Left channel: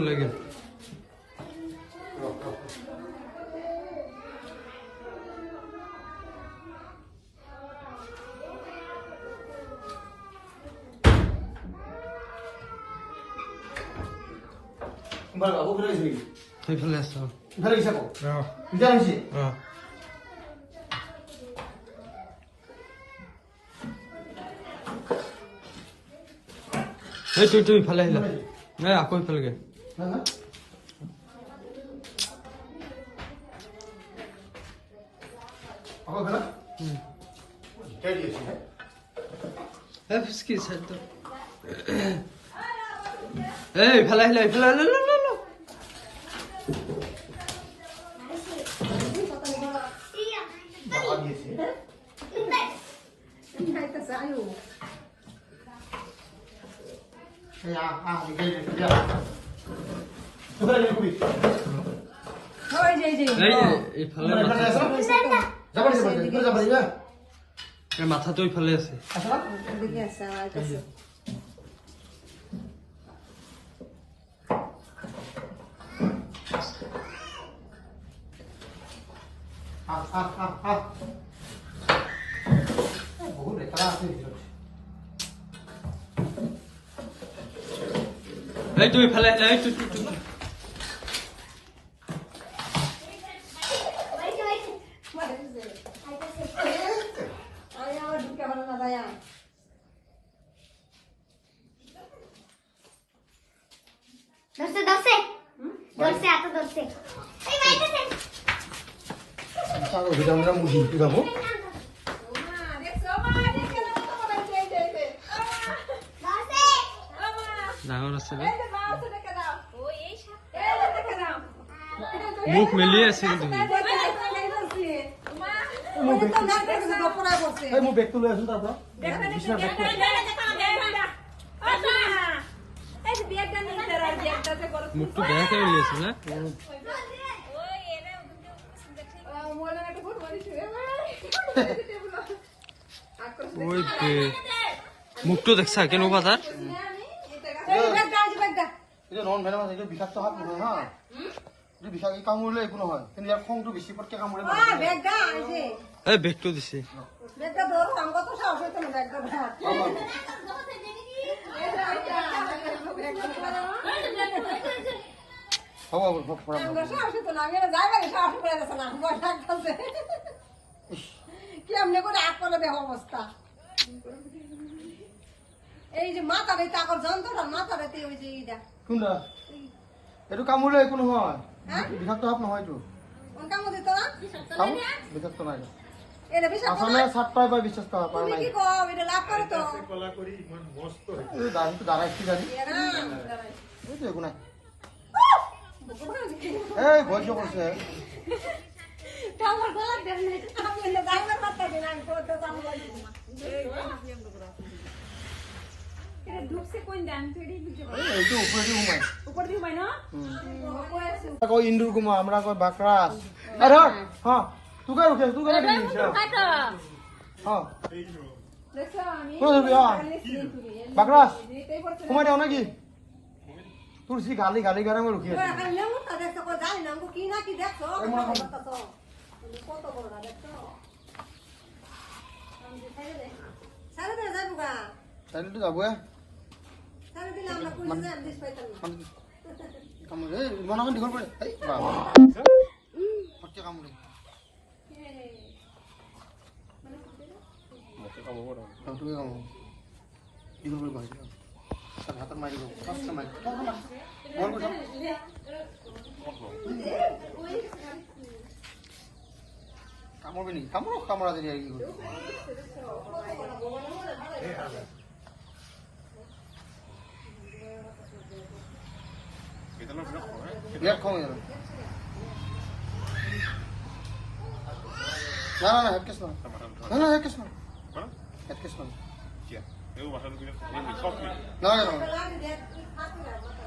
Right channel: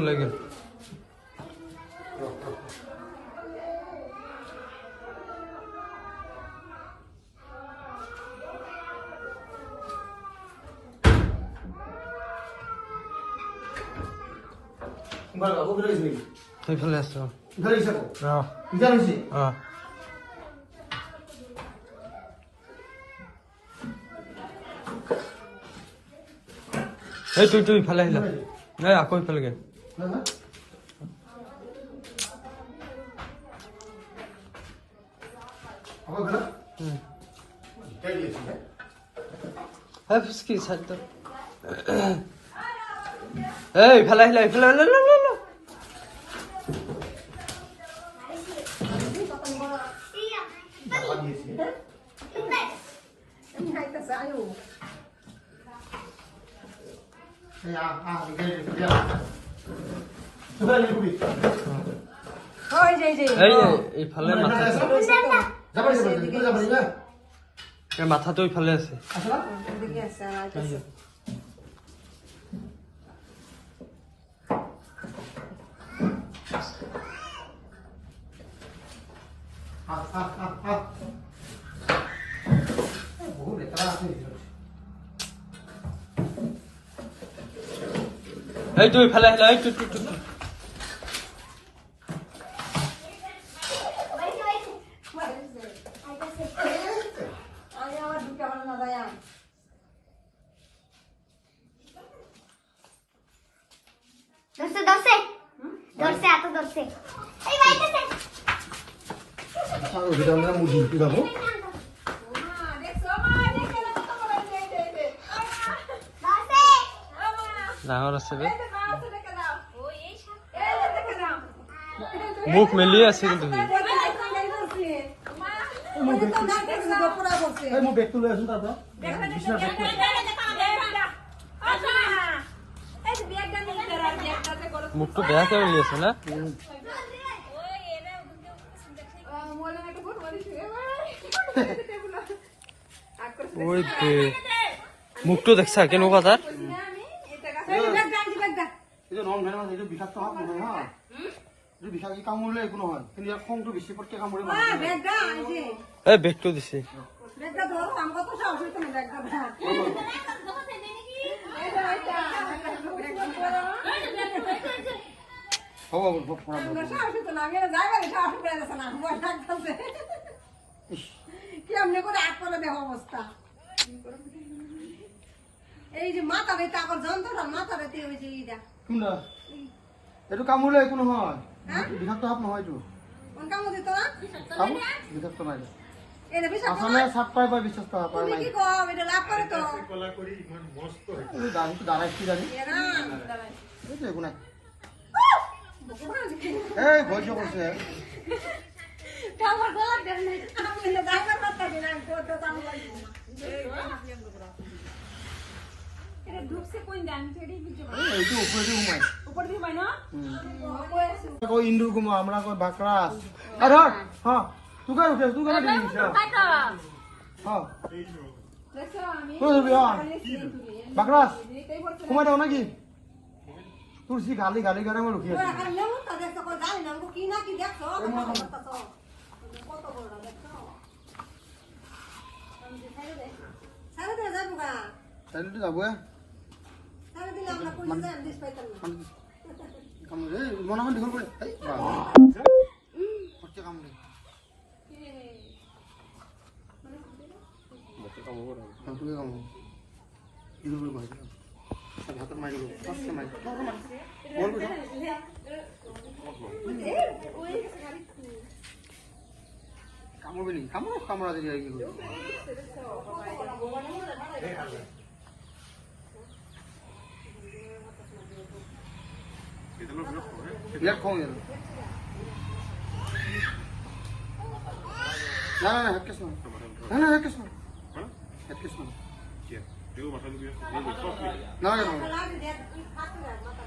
লাগে সেইফালে আছ তুই ইফালে আহিলা নাই আকৌ ইফালেগে ফুচকি চাইড ইফালে আহিলা ইফালে মাথাটো ইফালে আছে বহুত লেতেৰা আছে তুই ইফালে আহিলা ডাঙৰ আছে মুখ মেলি আছে কিন্তু মুখটো বেয়াকে মেলি আছে না মুখটো দেখছা কেনেকুৱা তাৰ বেগটো দিছে অবস্থা এই যে মাথা রেতে আগর যন্ত্রটা মাথা রেতে ওই যে এইটা কোনটা এটু কামুলে একো নহয় বিষাক্ত সাপ নহয় তো কোন কাম দিত না বিষাক্ত নাই এটা বিষাক্ত আসলে সাপ পাই বা বিষাক্ত সাপ পাই তুমি কি কও এটা লাভ করে তো কলা করি ইমান মস্ত এই দাঁড়ি তো দাঁড়াইছি গাড়ি এই তো একো নাই এই ভয় করছে আমার গলা দেন নাই আমি না ড্রাইভার কথা দিন আমি তো কাম লাগি এটা ঢুকছে কোন দান থড়ি বুঝো এই তো উপরে ঘুমাই উপর দি মাই না কো ইন্দুর ঘুমা আমরা কো বাকরা আরে হ্যাঁ তুই কে উঠে তুই কেন দিছিস হ্যাঁ দেখো আমি তুই দিবি হ্যাঁ বাকরা ঘুমা দাও নাকি তুলসী গালি গালি গারে আমি রুকিয়ে ওরা খালি নেমু তা দেখো কো জানি না কি না কি দেখো কত বড় দেখো আমি দেখাই দে সারা দে যাবো গা তাইলে তো যাবো সারা দিন আমরা কই যাই দিস পাইতাম না কামড়ে মনে মনে দীঘল করে এই বাবা পড়তে কামড়ে মতে কামড় তুমি কামড় দীঘল করে মারি তার হাতের মারি দেবো পাঁচটা মারি বল বুঝা কামড়বে নি কামড়া দিনি আর কি করি Lihat kau ya. Nah, headcase mana? Nah, headcase mana? Headcase mana? Siap. Dia makan gitu. Nah, লাগে দেখ কি ফাটে না মাথা